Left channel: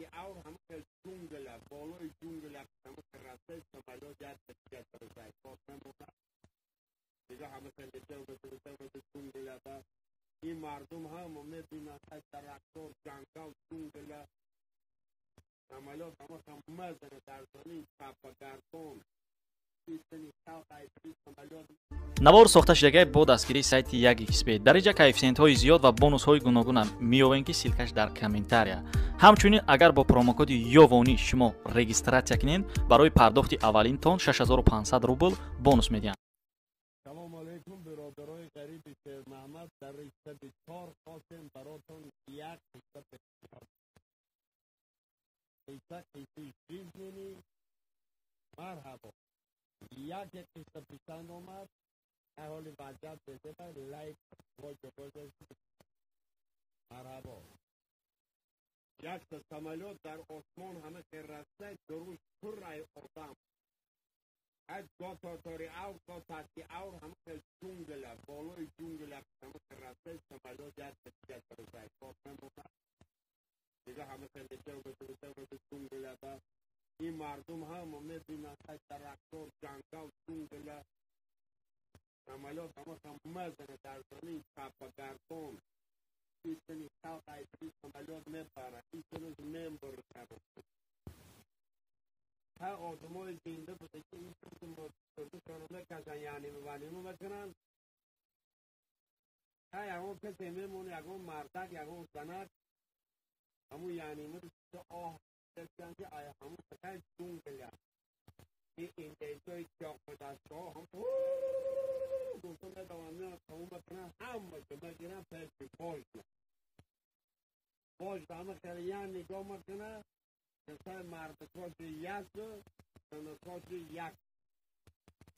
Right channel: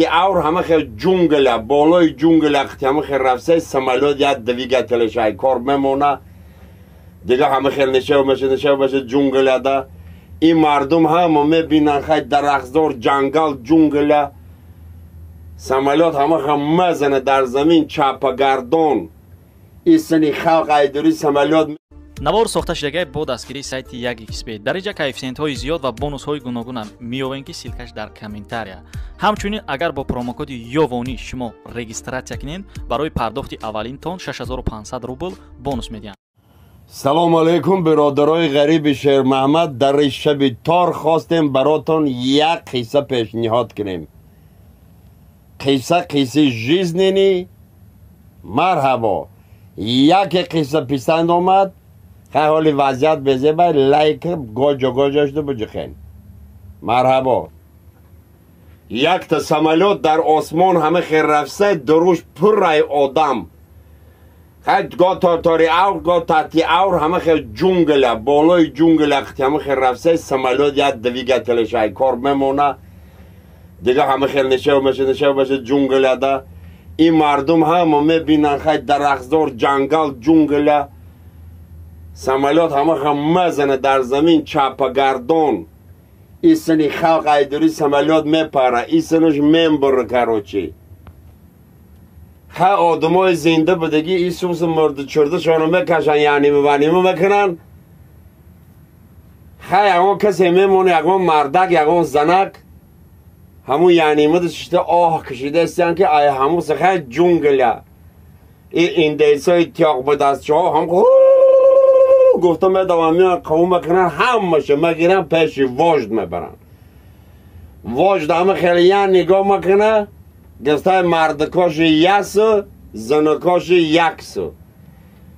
تحتی اور همه خیلی جونگله بالای جونگل اختی همه خیلی رفته سمالات یاد دویگه تلشای کار بمونه دیگه همه خیلی نشه و بشه جونگله ده این مردم همه میبینن خیلی درخزدار جنگل جونگله سمالات همه خیلی مزنه در زمین چاپگردان این سنی خلق ایدوری سمالات навор сохта шудагии бо дастгирии сайти 1xbet дар инҷа коэффициентҳои зиёд ва бонусҳои гуногуна меёбем ки силкаш дар комментария ҳамчунин агар бо промокоди ёвонӣ шумо регистратсия кунед барои пардохти аввалинтон 6500 рубл бонус медиҳанд. салому алайкум биродарои ғариби шермаҳмад дар шаби тор хостем баротон як қисса пешниҳод кунем қисси жизнени марҳабо яке қисса писанд омад خیلی حالی وضعیت بزه باید لایک گوجاش دو بجخین مرحبا یک تا سمالات در آسمان همه خیر رفته دروش پر رای آدم خیلی گاه تاری اور گاه تحتی اور همه خیلی جونگله بالای جونگل اختی همه خیر رفته سمالات یاد دویگه تلشای کار بمونه دیگه همه خیلی نشه و بشه جونگله ده این مردم همه میبینن خیلی درخزدار جنگل جونگله سمالات همه مزنه در زمین چاپگردان این سنی خلق ایدوری سمالات میپره این سنش میبره کروچی خیلی آدم های زنده بدگی این سوس مرد چرده شانو میکشن یعنی مبنیمه میکنن خیلی اگه کسی میمونه اگه مردک اگه زنک همون یعنی مدشته آه کشیده استیان که آیا همون خیلی جونگله این دیسای تیاق به دستشه ها هم گفتم میدوام قوم بکنن همشه مگیرن پیش واجد میبرن واجد همه خیلی یعنی نگاه میکنه گفته مردکاش یکسو زنکاش یکسو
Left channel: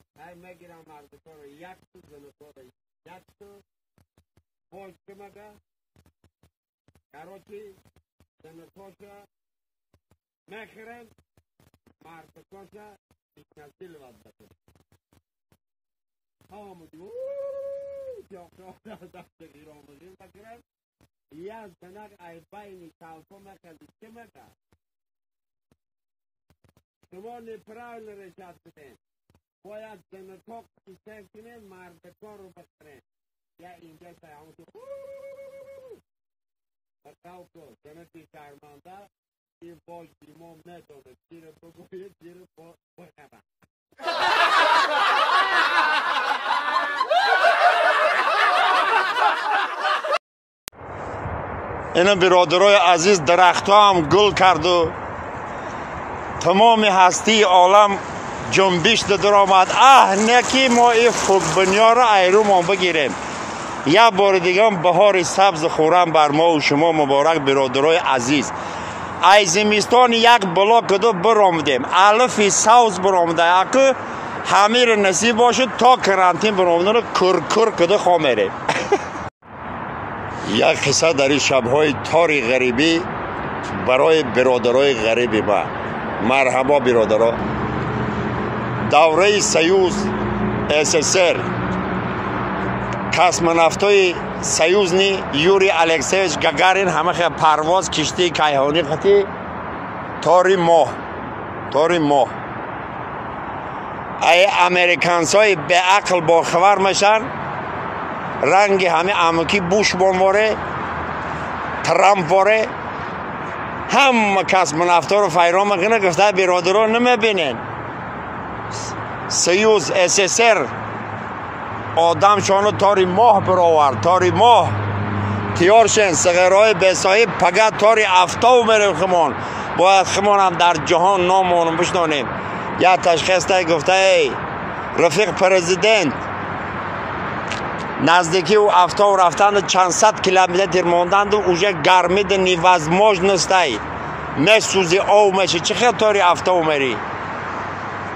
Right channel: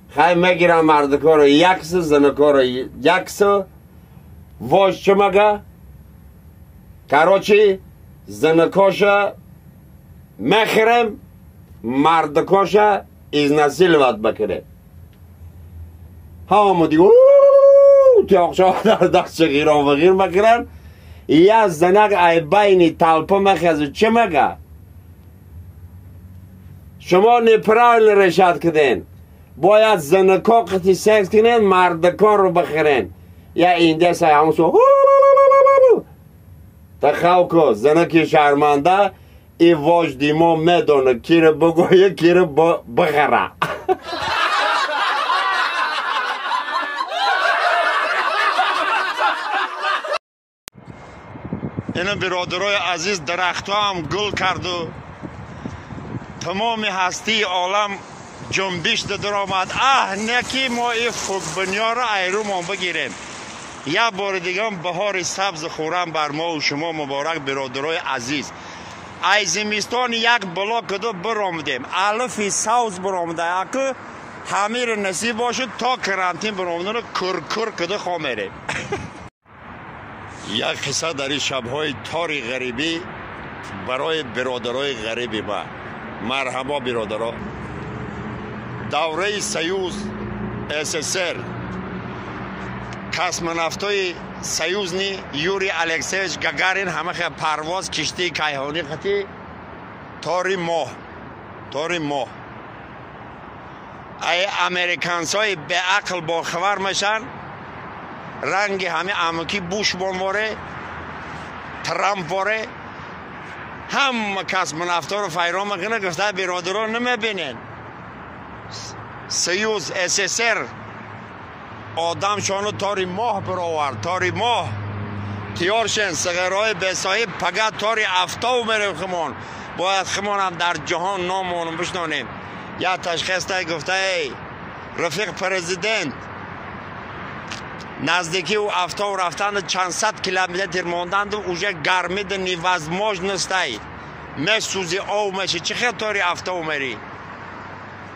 خیلی میگیرن مردکار یکسو زنکار یکسو واجد چه مگه کراچی زنکاش میخیرم مردکاش از نسیل ود بکنه همه دیگه تیاقشا در دست غیران و غیر مکرن یه زنک ای بین تلپه مخیزه چه مگه شما نپرال رشد کدین باید زنکا قطی سکس کنین مردکان رو بخیرین یا این دست های همسو تخواه که زنکی شرمنده ای واجدی ما میدونه کی رو بگویه کی رو بخیره اینا برادرای عزیز درخت ها هم گل کرد و تمام هستی عالم جنبش در آمد نکی ما این فوق را ایرو ما بگیریم یه بار دیگه هم بهار سبز خورم بر ما و شما مبارک برادرای عزیز ای زمستان یک بلاک کدو برامدیم الف سوز برامده که همه را نصیب باشد تا کرانتین برامدن کرکر کدو خوامیریم یک قصه در این شبهای تاری غریبی برای برادرای غریبی ما مرحبا برادرها دوره سیوز SSR کسمونافتای سیوز نی یوری الکسیویچ گاگارین همه خیلی پرواز کشتی کیهانی خطی تاری ماه ای امریکانس های به عقل با خبر میشن رنگ همه امکی بوش بانواره ترامپ واره هم کسمونافتا رو فیران میکنه گفته برادران نمیبینین سیوز SSR آدم شانو تاری ماه براورد تاری ماه تیارشن سغیرهای بسایی پگه تاری افتاو بریم خمان باید خمان هم در جهان نامونم بشنانیم یا تشخیص تایی گفته ای رفیق پرزیدنت نزدیکی و افتاو رفتن چند صد کیلومتر ماندند و اوجه گرمید نیوزماج نستایی مسوزی او میشه چه خیلی تاری افتاو میری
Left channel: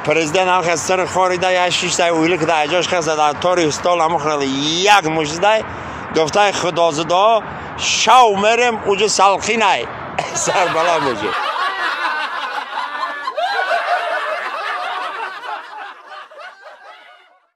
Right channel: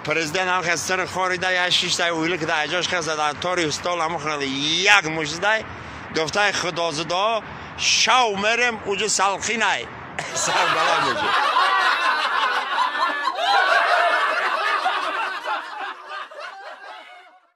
پرزیدنت هم خیلی سر خاریده یا شیشتای اویلی که در اجاش خیلی در تاری هستال هم خیلی یک مجده گفته خدا زده شو میرم اوجه سلخی نای سر بلا میشه